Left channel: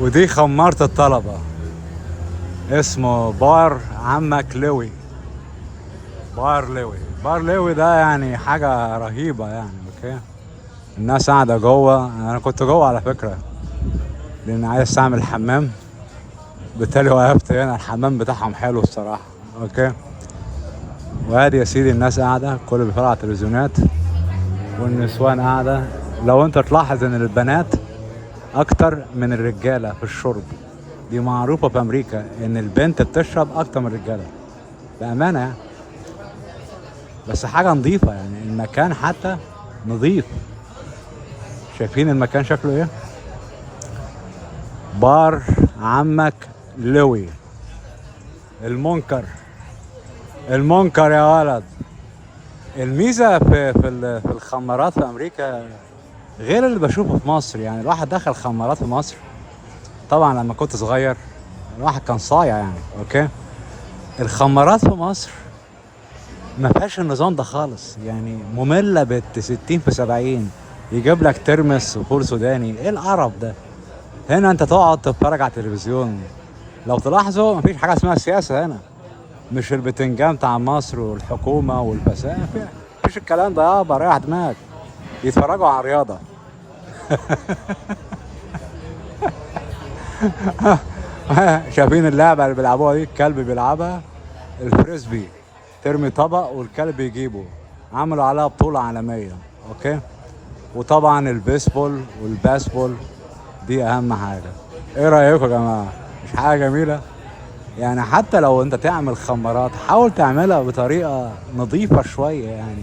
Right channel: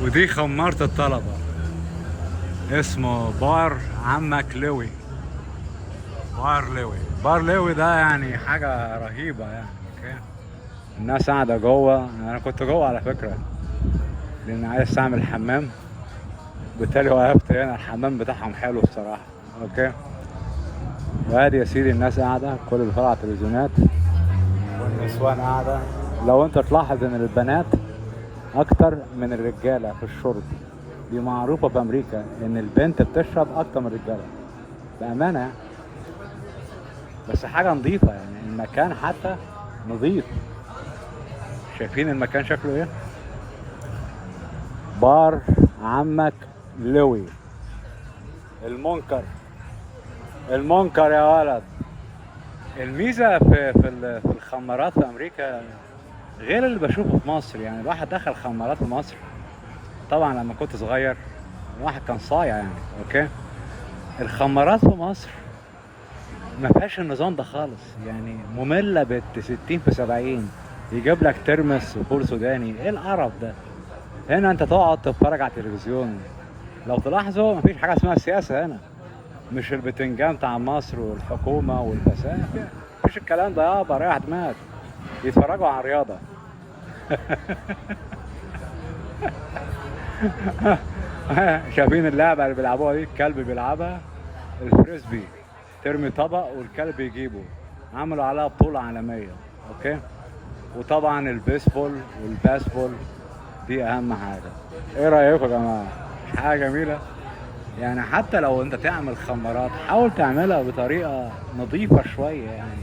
ودي خمارة الطلبة، اسمه بار عمك لوي. بار لوي ده يعني حاجة رهيبة يعني. اوكي، الناس قاعدة جوه، انا كنت جوه على فكرة لان عايز اعمل حمام، بالتالي وقفت هنا. الحمام بتاعهم حلو الصراحة. اوكي، وادي يا سيدي الناس قاعدة، كل اللي بيتفرج على التلفزيونات والنسوان قاعدة. لو انت تلاحظ ان البنات اكتر من الرجالة في الشرب، دي معروفة في امريكا ان البنت بتشرب اكتر من الرجالة بأمانة يعني. بس حاجة نظيفة يعني، المكان حتى نظيف. شايفين المكان شكله ايه؟ بار عمك لوي المنكر. المنكر يا ولد. الميزة في الخمارات في امريكا غير اللي بشوفه في مصر. يعني الواحد دخل خمارات في مصر طبعا لما كنت صغير، الواحد كان صايع يعني. اوكي، الخمارات في مصر ما فيهاش النظام ده خالص يعني، مملة بت 60 في 70. يجيب لك ترمس وفول سوداني، ايه القرف ده؟ هنا انت تقعد تتفرج على التلفزيون. لو تلاحظوا مفيش حاجة اسمها سياسة هنا، مش البتنجان بتاع مصر والحكومة والفساد، مفيش الكلام ده. يابا ريح دماغك، يتفرجوا على الرياضة. شايفين اللعبة اللي بيلعبوها دي؟ الكلب بيلعبها، الفريسبي، ترمي طبق والكلب يجيبه. عملوا عليها بطولة عالمية. اوكي، وطبعا البيسبول والباسبول دي اهم حاجة. ايه رأيكم يا جماعة؟ مش حاجة جميلة؟ يعني حتى لو انت تعمل خمارات حاول تعملها بطريقة نظيفة شوية يعني،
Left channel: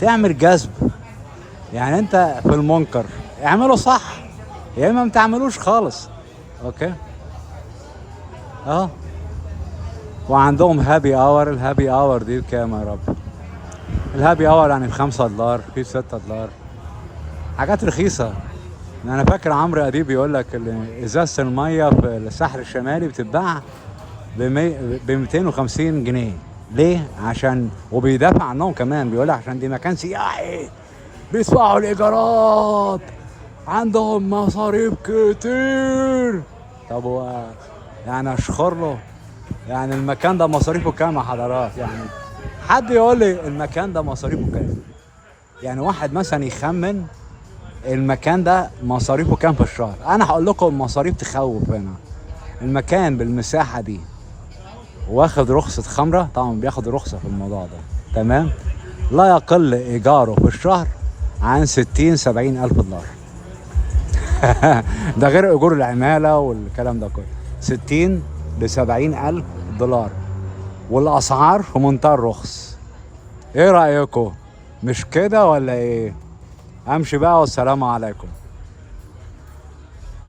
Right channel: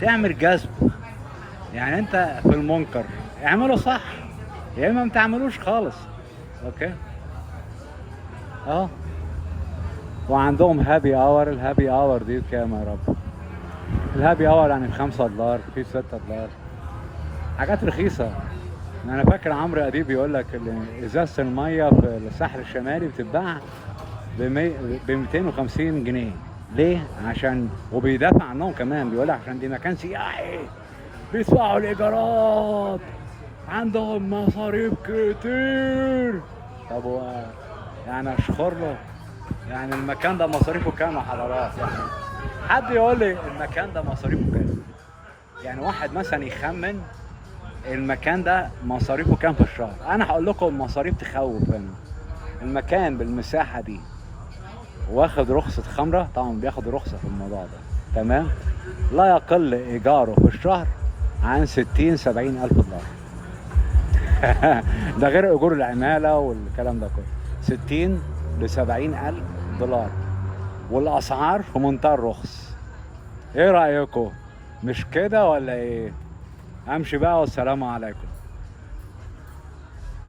تعمل جذب. يعني انت في المنكر اعمله صح، يا اما ما تعملوش خالص. اوكي، اه. وعندهم هابي اور. الهابي اور دي بكام يا رب؟ الهابي اور يعني $5، في $6، حاجات رخيصة. انا فاكر عمرو اديب بيقول لك ازازة المية في الساحل الشمالي بتتباع ب 250 جنيه. ليه؟ عشان وبيدافع عنهم كمان، بيقول لك عشان دي مكان سياحي، بيدفعوا الايجارات، عندهم مصاريف كتير. طب هو يعني اشخر له؟ يعني المكان ده مصاريفه كام يا حضرات؟ يعني حد يقول لي المكان ده مصاريفه كام؟ يعني واحد مثلا يخمن المكان ده مصاريفه كام في الشهر. انا هقول لكم المصاريف تخوف. هنا المكان بالمساحة دي واخد رخصة خمرة، طبعا بياخد رخصة في الموضوع ده، تمام؟ لا يقل ايجاره في الشهر عن 60-70 الف دولار. ده غير اجور العمالة والكلام ده كله. 60-70 الف دولار، والاسعار في منتهى الرخص. ايه رأيكم؟ مش كده ولا ايه؟ امشي بقى والسلام عليكم.